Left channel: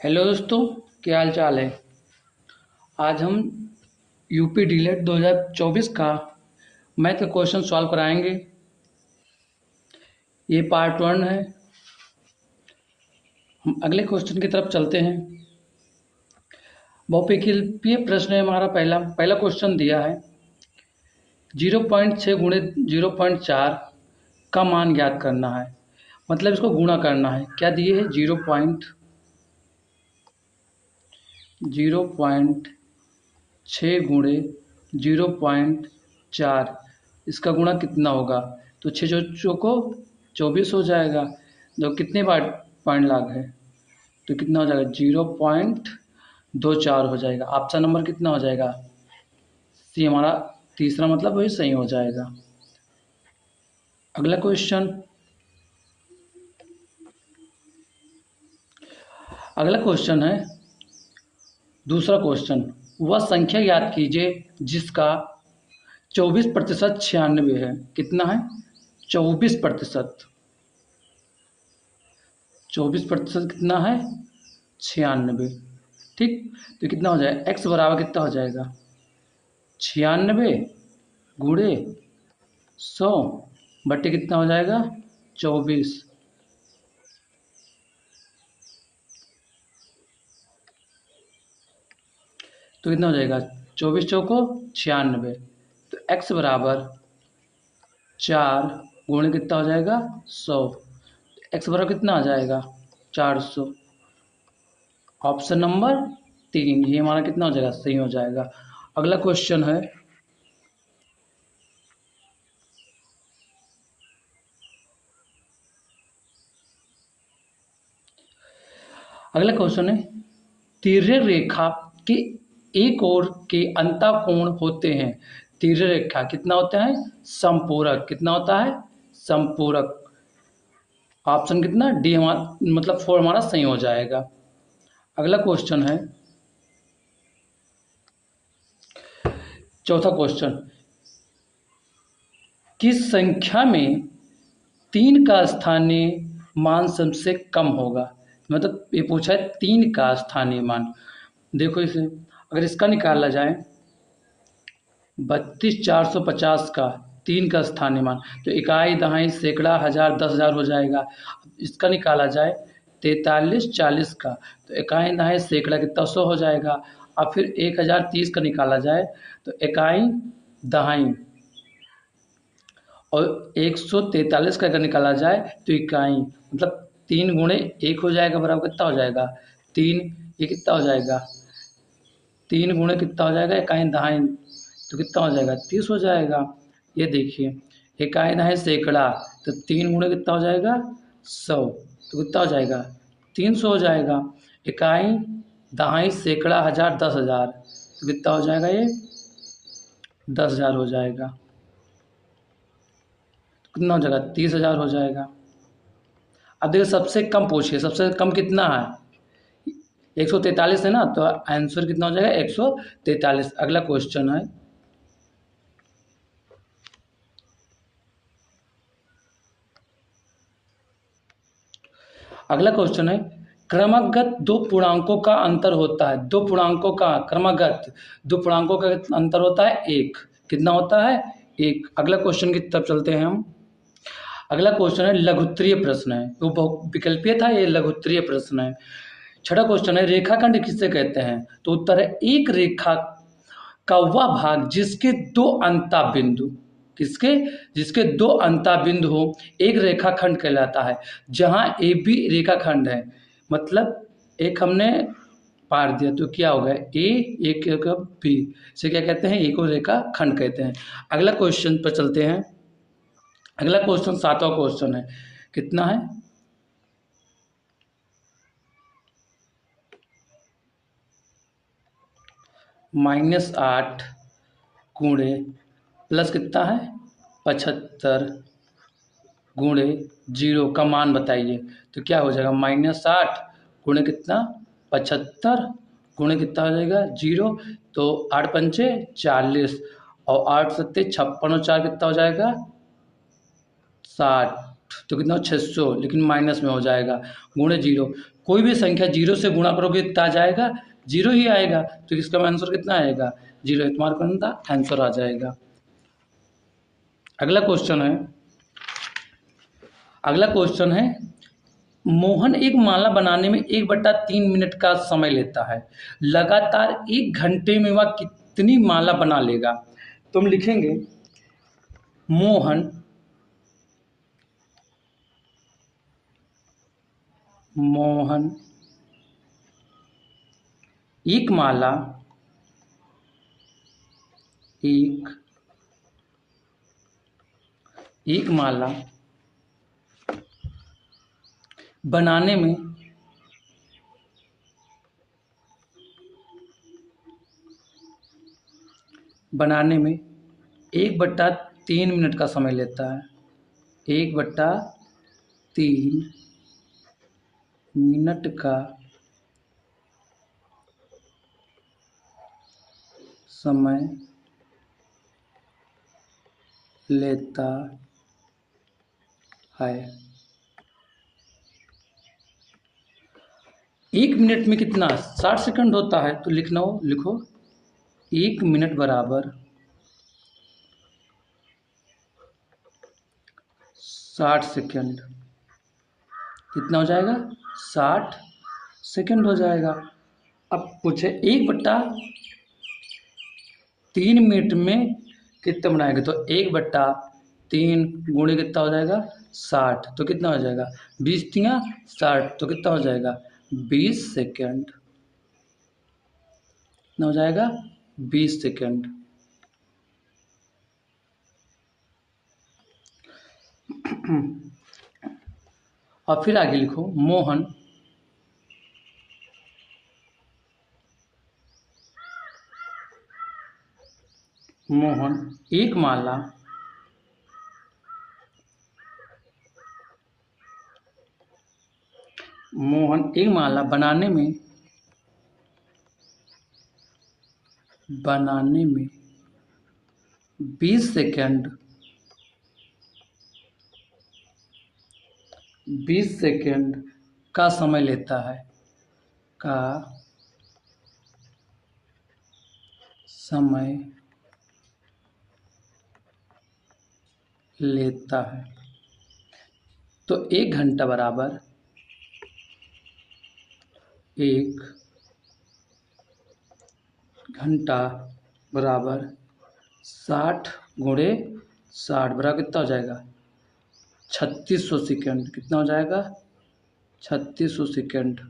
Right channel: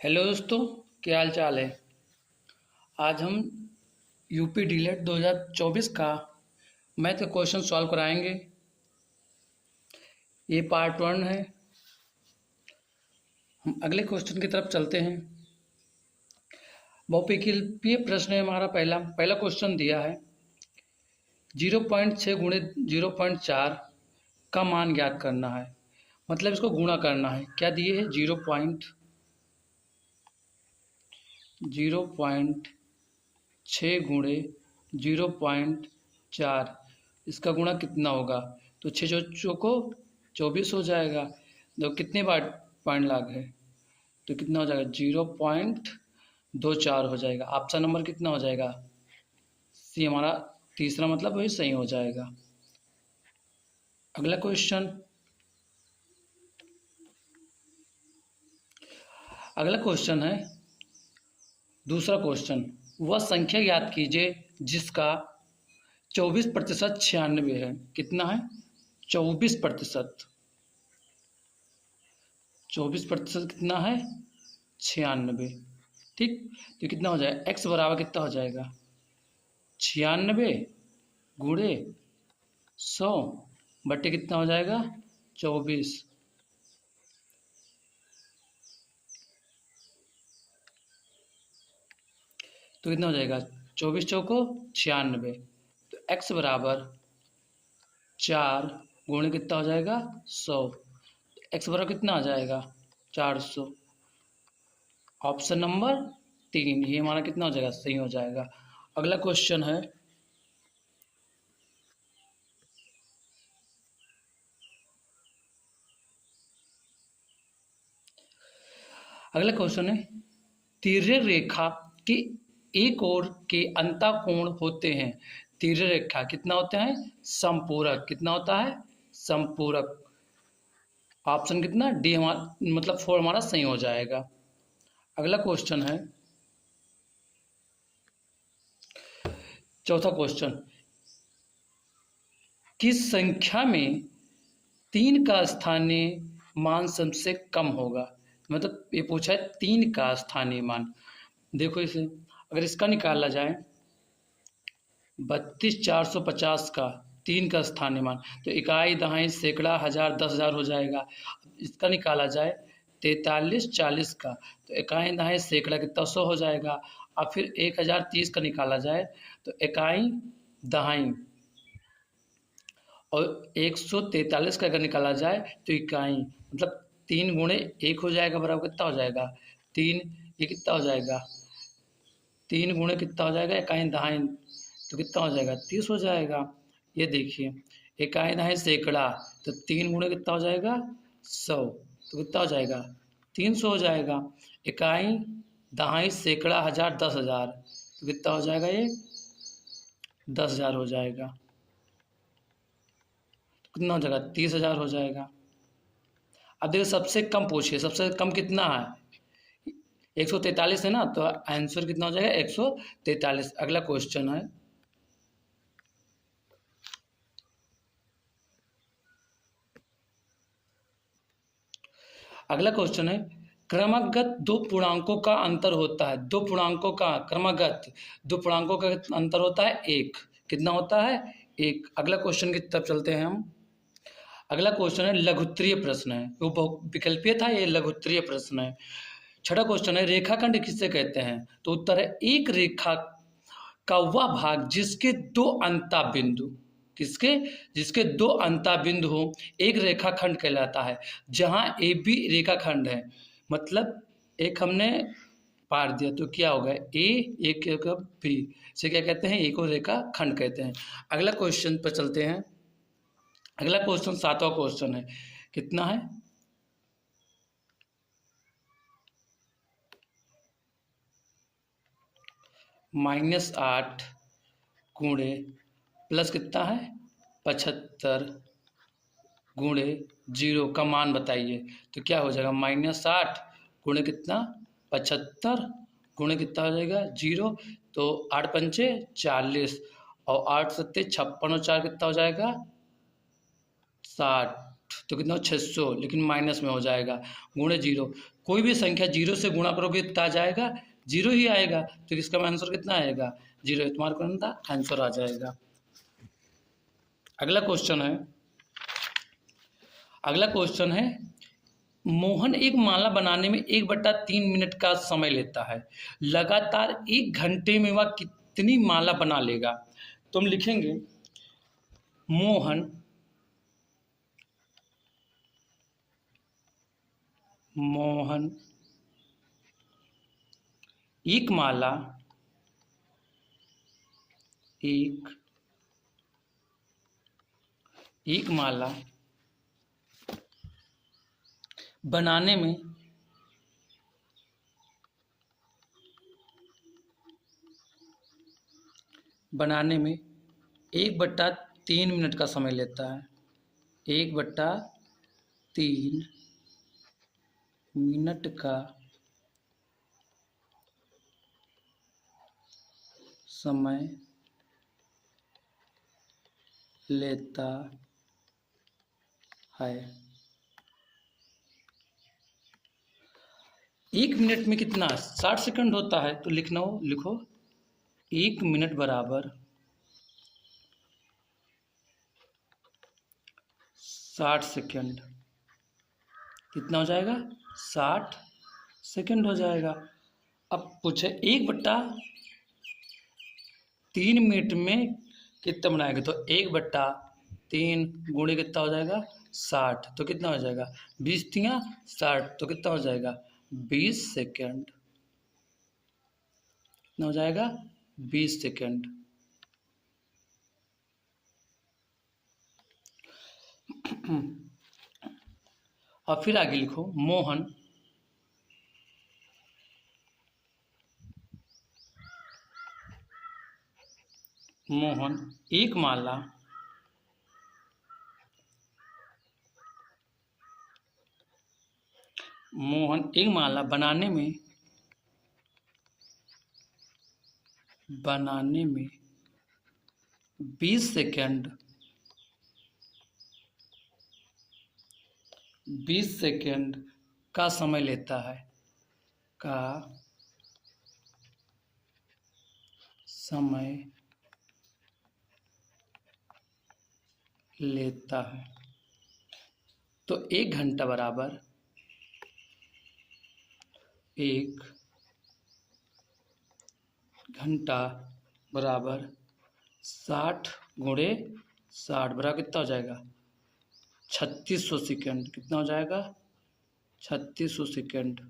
Hello दोस्तों, क्या हाल चाल है। आज हम यूपी डीलेट 2024 का मैथ का क्वेश्चन सॉल्व कराएंगे। ये पार्ट 1 है। हम अगले क्वेश्चन की तरफ चलते हैं। बहुविकल्पीय प्रश्न है हमारा। पहला क्वेश्चन दिया है 0.6 गुणे 0.4 का मान ज्ञात करना है। मतलब इसको गुणा करना है। क्या दिए है? 0.6 गुणे 0.4, इसका गुणा कितना होगा? तो 6 चौको 24 हो जाएगा। जो कितने बार पॉइंट लाग है तो कितना हो जाएगा? 0.24 हो जाएगा। ऑप्शन नंबर कितना हो जाएगा? सी हमारा तीसरा मतलब वही सही हो जाएगा। अगला क्वेश्चन है दूसरा क्वेश्चन। वह संख्या याद कीजिए जिसका 24% 96 है। कितना है? 24%। 24% कितना है? 96। ठीक, तो कितना हो जाएगा? x बराबर कितना हो जाएगा? 96 गुणे 100 बट्टे कितना हो जाएगा? 24। तो कितना हो जाएगा? 24 चौको 96। तो x बराबर 4 गुणे कितना हो जाएगा? 100। x बराबर कितना आ जाएगा? 400। ऑप्शन नंबर 3 ये हमारा कितना हो जाएगा? सही हो जाएगा। अगला क्वेश्चन है तिर्यक रेखा के एक ओर के अंतःकोण होते हैं। तिर्यक रेखा कितना होता है? समपूरक। कितना होता है? समपूरक। ऑप्शन कितना? डी हमारा मतलब 4 हमारा सही हो जाएगा। अगला क्वेश्चन है चौथा क्वेश्चन। किस संख्या में 3 का स्थानीय मान सबसे कम होगा? मतलब ये पूछा है 3 का स्थानीय मान। देखो इसे, अगर इसका निकाला जाए 32,450 का 3 का स्थानीय मान, तो इकाई, दहाई, सैकड़ा, हजार, 10,000 हो जाएगा। इसका निकाला जाए 4340 का, तो इकाई, दहाई, सैकड़ा कितना? 100 हो जाएगा। अब फिर 1030 का निकाला जाए तो इकाई, दहाई और 143 का अगर निकाला जाए तो इकाई, मतलब 3 गुणे 1 हो जाएगा बराबर कितना हो जाएगा? 3। ये कितना हो जाएगा? 3 गुणे कितना हो जाएगा? इकाई, दहाई, तो कितना हो जाएगा? 30 हो जाएगा। ये देखिए, इकाई, दहाई, सैकड़ा, तो 3 गुणे कितना हो जाएगा? 100, तो कितना हो जाएगा? 300 हो जाएगा। इकाई, दहाई, सैकड़ा, हजार, 10,000, तो कितना हो जाएगा? ये 10,000 हो जाएगा। तो कितना हो जाएगा? 30,000 हो जाएगा। अब देखिए सबसे कम पूछिए, सबसे कम कितना है? 143 है ना, तो आंसर कितना हो जाएगा? 143। अगला क्वेश्चन है क्रमगत दो पूर्णांकों का अंतर होता है। क्रमगत दो पूर्णांकों का अंतर होता है 1। कितना होता है? 1। अगला क्वेश्चन की तरफ चलते हैं हम। अगला क्वेश्चन है लघुत्तरीय प्रश्न है। वो बहुविकल्पीय था, ये लघुत्तरीय प्रश्न है। छठा क्वेश्चन है रेखाखंड किसे कहते हैं? तो उत्तर है एक रेखा का वह भाग जिसके दो अंता बिंदु जिसके दो अंता बिंदु हो एक रेखाखंड कहलाता है। जहां ए बी रेखाखंड है, मतलब एक हमने पार दिया तो क्या होगा? ए, एक होगा बी, से क्या कहते हैं? एक और रेखाखंड कहते हैं। अगला क्वेश्चन पर चलते हैं। अगला क्वेश्चन 7वां क्वेश्चन है। कितना है? -8 गुणे प्लस कितना है? 75 गुणे 0 का मान बताइए। तो क्या हो जाएगा? -8 गुणे कितना? 75 गुणे कितना हो जाएगा? 0। तो 8 पंचे 40 और 8 सत्ते 56 और 4 कितना हो जाएगा? 60। तो कितना 600, लेकिन माइनस में हो जाएगा, गुणे 0। कोई भी संख्या 0 से गुणा करोगे कितना आ जाएगा, 0 ही आएगा, तो इसका आंसर कितना आएगा, 0। इस्तेमाल करना था, आंसर आ जाएगा। अगला क्वेश्चन है मोहन एक माला बनाने में 1/3 मिनट का समय लेता है, लगातार 1 घंटे में वह कितनी माला बना लेगा। तो हम लिखेंगे मोहन एक माला बनाने में 1/3 मिनट का समय लेता है, 1/3 मिनट का समय लेता है। 1 मिनट में कितना 60 सेकंड होता है, तो लिखो 1 मिनट बराबर 60 सेकंड। कितना हो जाएगा, 60 सेकंड हो जाएगा। अब पूछे 1/3 मिनट में कितना बनाएंगे, तो 1/3 गुणे कितना हो जाएगा, 60, तो कितना हो जाएगा 20 तिया 60, तो कितना हो जाएगा 20 सेकंड। कितना हो जाएगा 20 सेकंड। और फिर आगे लिखो मोहन एक माला बनाने में 20 सेकंड का समय लेता है, तो 1 घंटा बराबर 60 गुणे 60 बराबर कितना हो जाएगा 3600 सेकंड। कितना हो जाएगा 3600 सेकंड।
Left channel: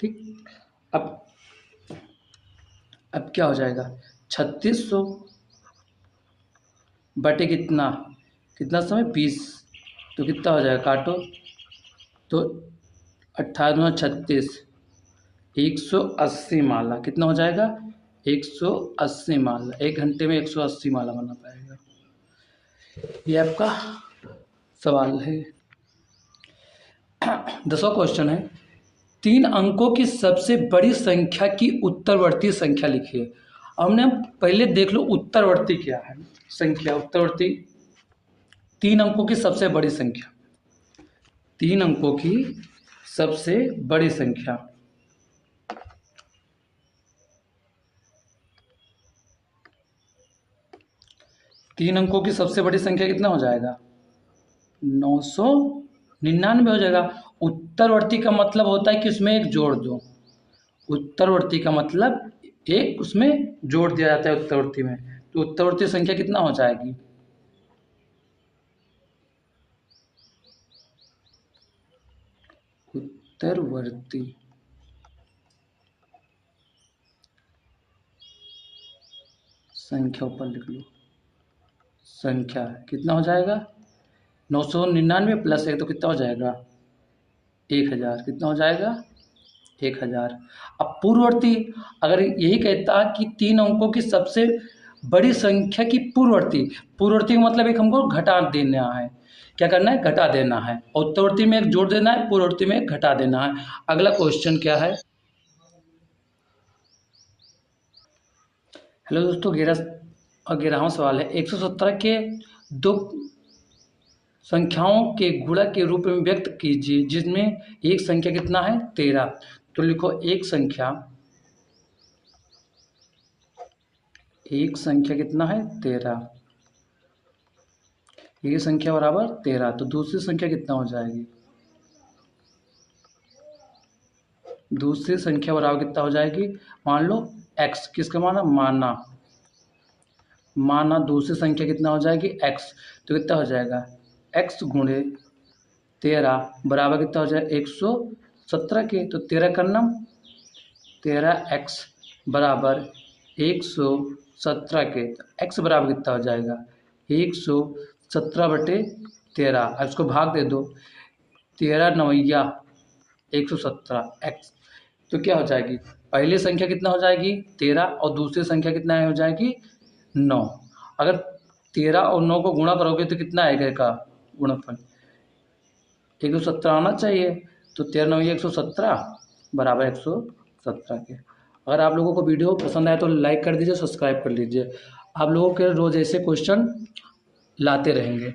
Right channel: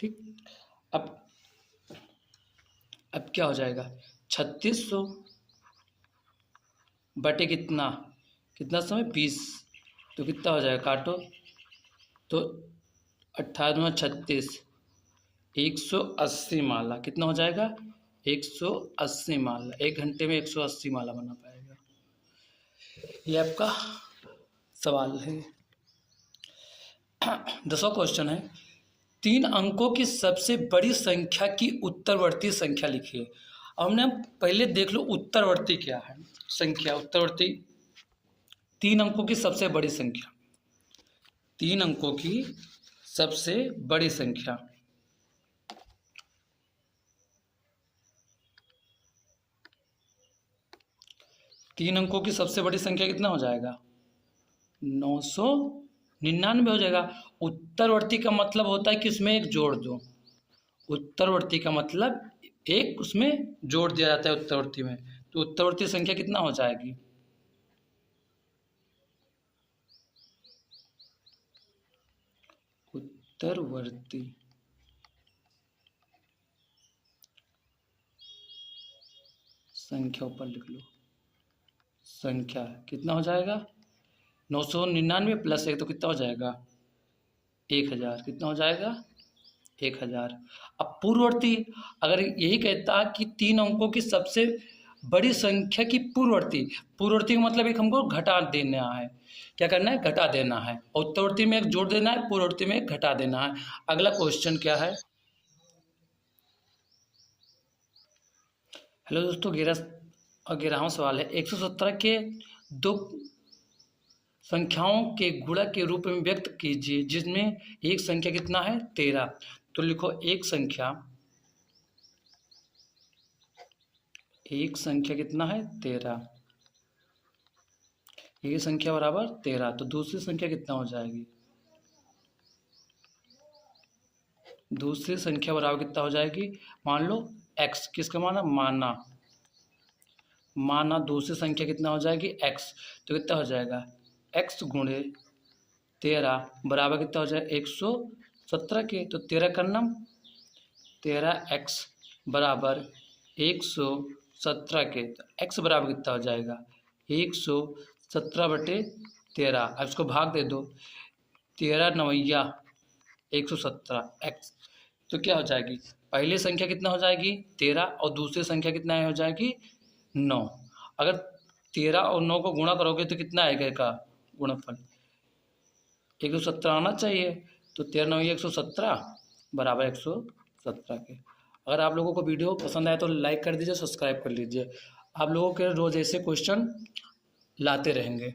ठीक, अब क्या हो जाएगा 3600 बटे कितना समय 20, तो कितना हो जाएगा, काटो तो 18 36 180 माला। कितना हो जाएगा 180 माला। 1 घंटे में 180 माला बना पाएगा। ये आपका सवाल है। 10वां क्वेश्चन है 3 अंकों की सबसे बड़ी संख्या की उत्तरवर्ती संख्या लिखिए। हमने पहले देख लो उत्तरवर्ती क्या है संख्या। उत्तरवर्ती 3 अंकों की सबसे बड़ी संख्या, 3 अंकों की सबसे बड़ी संख्या। तीन अंकों की सबसे बड़ी संख्या कितना हो जाएगा 999 हो जाएगा। उत्तरवर्ती का मतलब होता है कि उसमें एक जोड़ दो। उत्तरवर्ती का मतलब एक उसमें जोड़ दिया जाता है उत्तरवर्ती में, तो उत्तरवर्ती संख्या कितना हो जाएगी उत्तरवर्ती संख्या ऊपर लिख लो। संख्या कितना हो जाएगा 999 प्लस 1 तो कितना हो जाएगा 1000। कितना हो जाएगा 1000। अब पूर्ववर्ती अगर यही कहता कि 3 अंकों की सबसे बड़ी संख्या की पूर्ववर्ती का मतलब एक हमको घटा देना है। क्या करना है घटा देना है। उत्तरवर्ती में एक जोड़ देना है, पूर्ववर्ती में एक घटा देना है। अगला क्वेश्चन क्या है। हेलो दोस्तों, 11वां सवाल है 170 के 2 संख्याओं के गुणक के रूप में व्यक्त कीजिए जिसमें एक संख्या कितना है 13। तो लिखो एक संख्या कितना है 13, एक संख्या बराबर 13। तो दूसरी संख्या कितना हो जाएगी, दूसरी संख्या बराबर कितना हो जाएगी, मान लो x, किसका माना माना दूसरी संख्या कितना हो जाएगी x। तो कितना हो जाएगा x गुणे 13 बराबर कितना हो जाएगा 117 के। तो 13 का नाम 13x बराबर 117 के। x बराबर कितना हो जाएगा 117/13। अब इसको भाग दे दो, 13 नवैया 117 x। तो क्या हो जाएगी, पहली संख्या कितना हो जाएगी 13 और दूसरी संख्या कितना हो जाएगी 9। अगर 13 और 9 को गुणा करोगे तो कितना आएगा इसका गुणनफल, 117 आना चाहिए। तो 13 नवैया 117 बराबर 117 के। अगर आप लोगों को वीडियो पसंद आए तो लाइक कर दीजिए, सब्सक्राइब कर लीजिए। आप लोगों के रोज़ ऐसे क्वेश्चन लाते रहेंगे।